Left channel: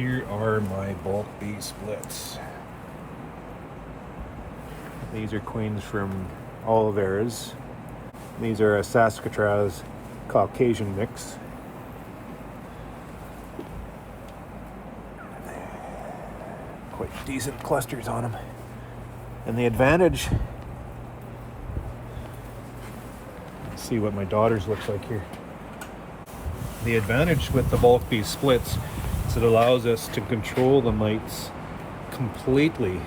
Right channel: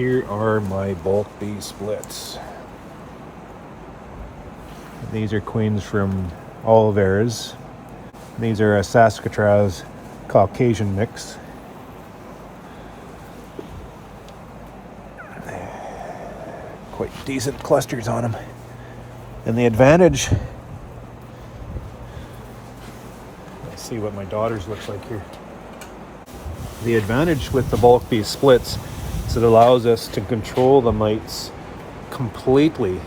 Here are my bulk bee splits. These are queens from Oliveras. These are a Saskatraz Caucasian mix. Quite decent clusters on them. And the advantage, let's see what my daughter's looks like here. The advantage with the bulk bee splits is it allows us to control the mites completely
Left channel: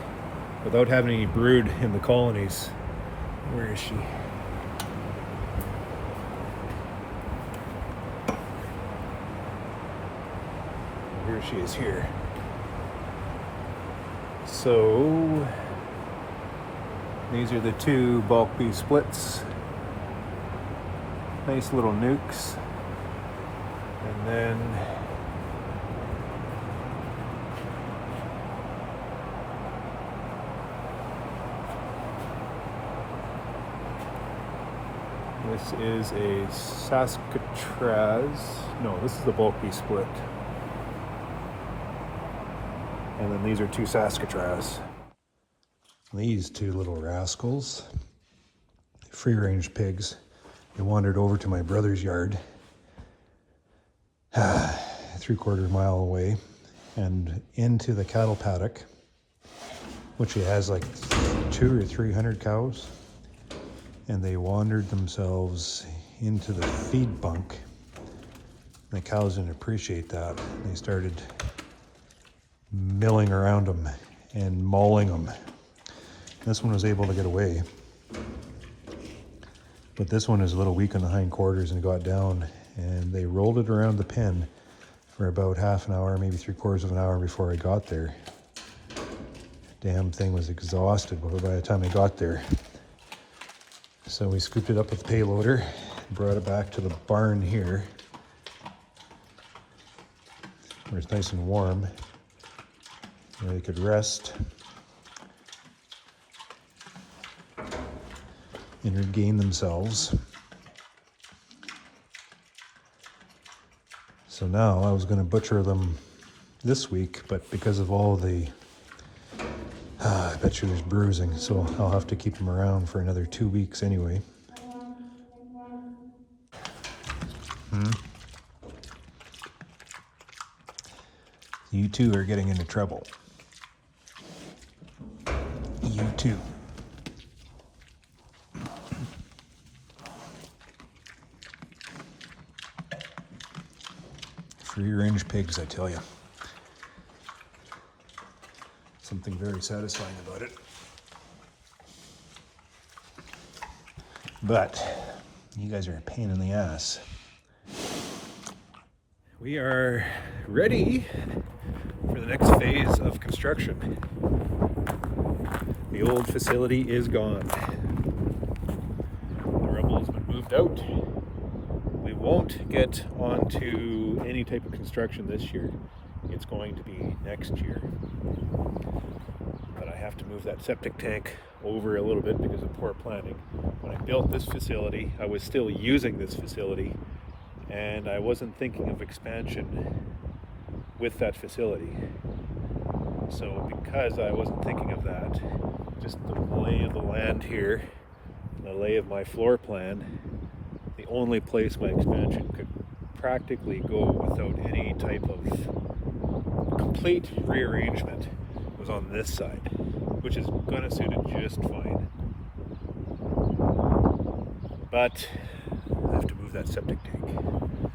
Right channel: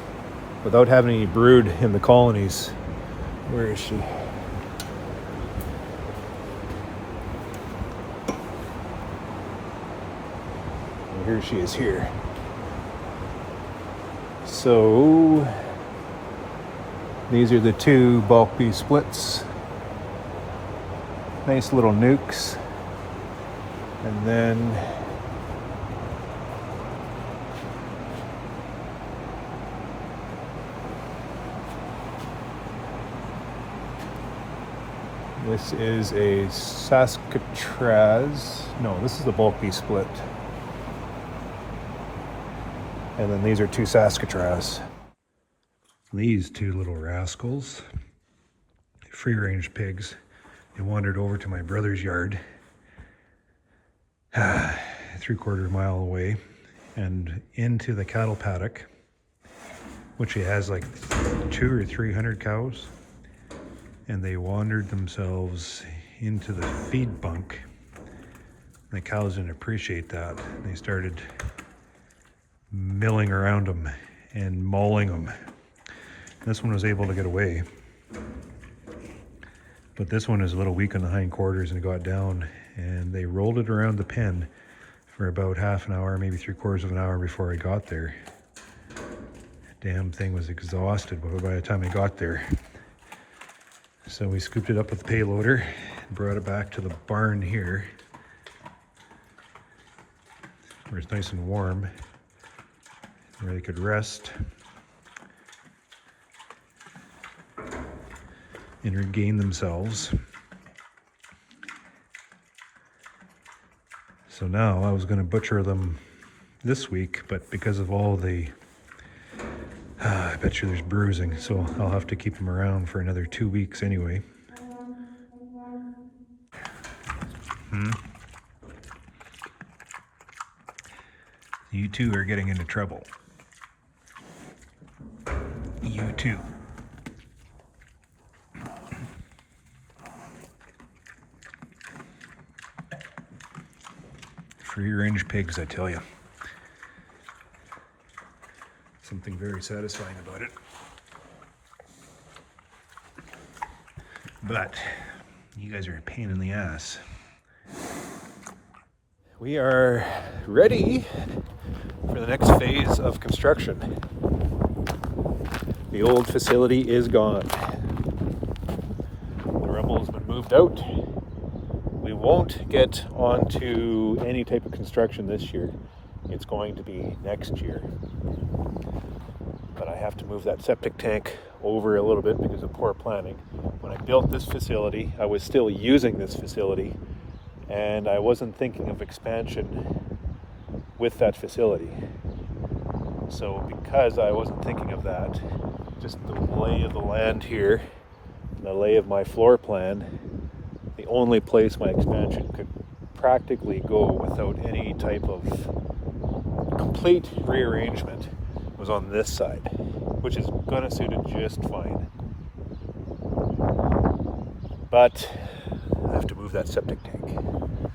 without having any brood in the colonies. Where is she? Here she is here. So these are the two bulk bee splits. Nice little nukes. And then this is a Saskatraz. No, this is the bulk bee split. And then these are two Saskatraz. These two little rascals, free range pigs, they wandered over to my brother's yard, 3/4 mile away, and into the cattle paddock, which he has like 200 or 300 cows. And they wandered themselves into the feed bunk. The cows didn't appreciate that. They started milling around them and mauling them. This one was able to get away, but this one is a little weak on the hindquarters and got down, and they rolled it around the pen for about half an hour, maybe 3/4 of an hour before I got there. Damn thing was exhausted by the time I got there. So we scooped it up with the payloader and brought it back to the barn here, where it's nice and warm, where they could rest and regain themselves. So now I was going to butcher them this week, but because of all the I bet you there's bruising, so I'll have to keep them around for another 2 weeks anyway. You two are getting into trouble. You too. Free range pigs, I tell you. Something very satisfying about it. But you guys are a pain in the ass. We are ready for the next phase of construction. The old facility is gone. The rubble has been moved out. We won't get onto any type of construction this year. It's going to be next year. But I have to move that septic tank over a little bit because of poor planning. When I built this facility, I was still using this facility, and I wasn't thinking of expansion with that facility. So because I wasn't thinking of that, just the lay of the land here, the lay of my floor plan, the only place my expansion could practically go without any type of complete rearrangement was on this side, which is gonna suit it just fine. But I have to move that septic tank.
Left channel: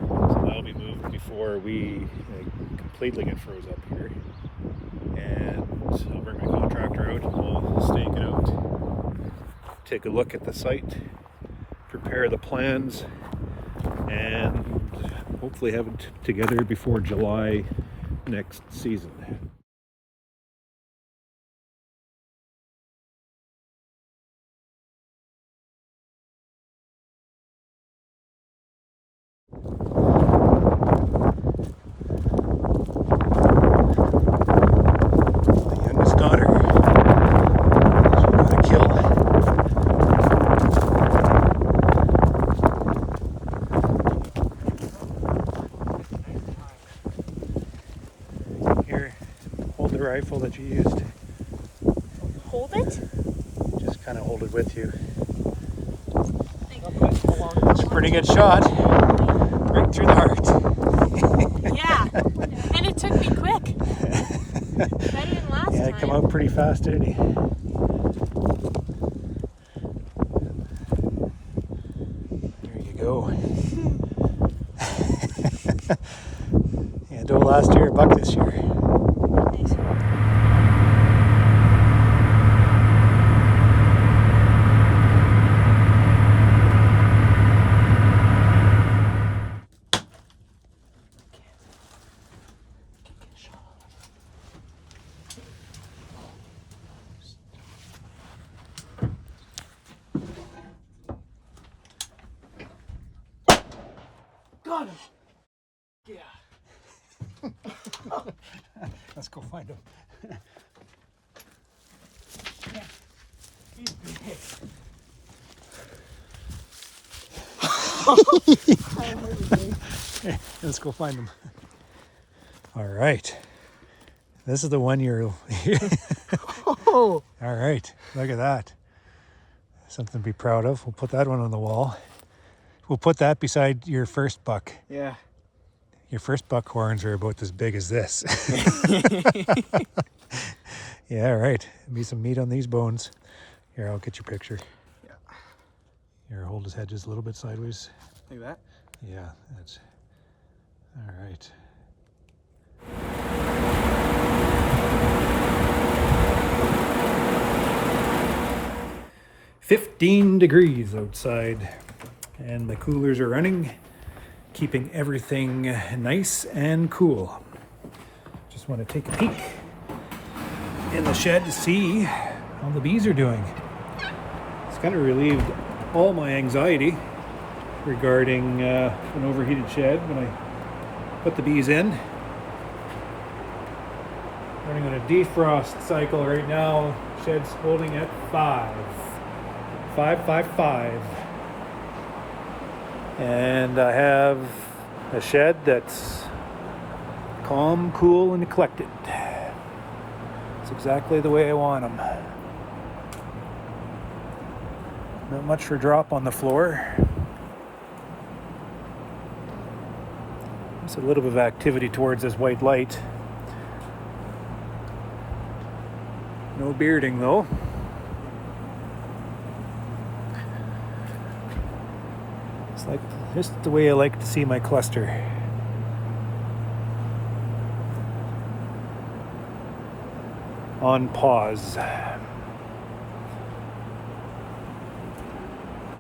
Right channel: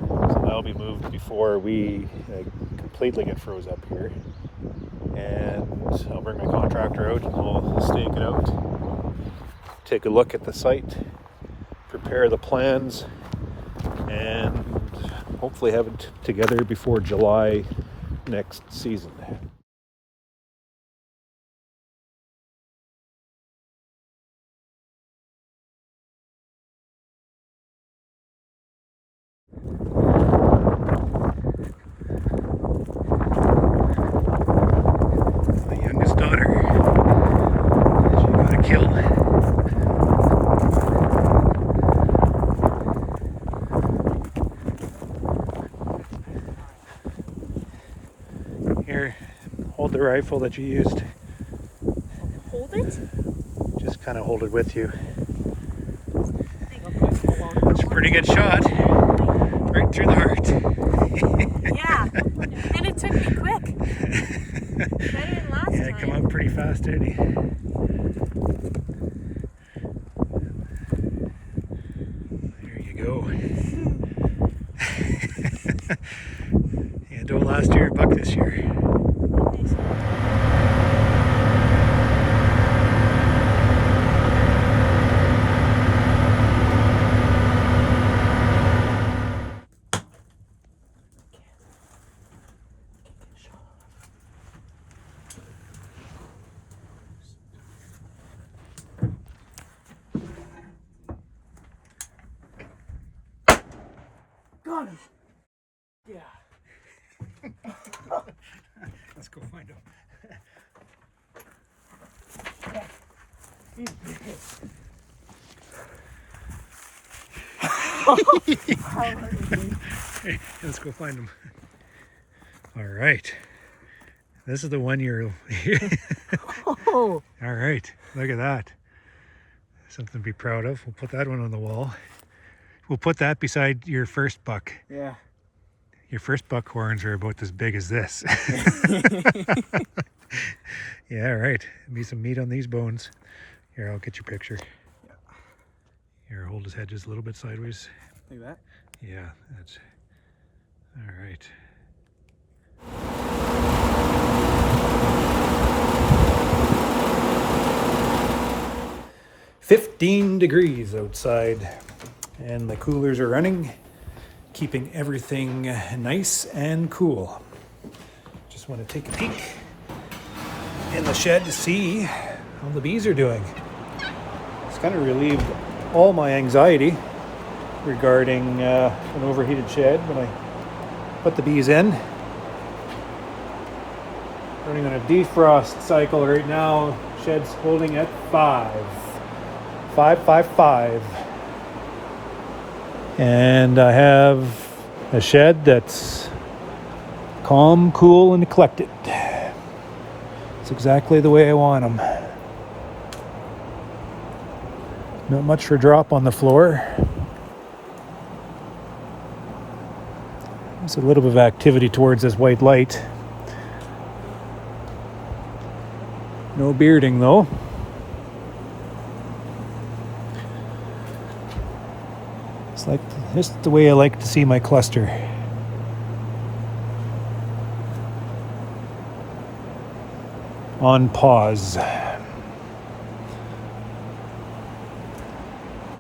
So that'll be moved before we completely get froze up here. And I'll bring my contractor out and we'll stake it out, take a look at the site, prepare the plans, and hopefully have it together before July next season. My youngest daughter got a kill. Here rifle that you used? Hold it? Just kind of hold it with you. It's a pretty good shot. Right through the heart. Yeah. And it took me quick. Better than last Yeah, time. come out pretty fast, didn't he? There you go. Yeah, doe last year, buck this year. Got him. Yeah. Let's go find him. He's big. Let's go find him. All right. This is the one you're... Oh. All right. Look at that. Something to be proud of. We'll put that one on the wall. We'll put that beside your first buck. Yeah. Your first buck horns are about as big as this. Yeah, right. Be some meat on these bones. Here, I'll get your picture. Yeah. Here, hold his head just a little bit sideways. Like that? Yeah, that's... All right. $15 outside, and the coolers are running, keeping everything nice and cool. Just want to take a peek in the shed to see how the bees are doing. It's kind of relieved all my anxiety regarding an overheated shed when I put the bees in. Running on a defrost cycle right now. Shed's holding at 555. And I have a shed that's calm, cool, and collected. It's exactly the way I want them. Not much for drop on the floor. There's a little bit of activity towards this white light. No bearding though. It's like just the way I like to see my cluster. On pause.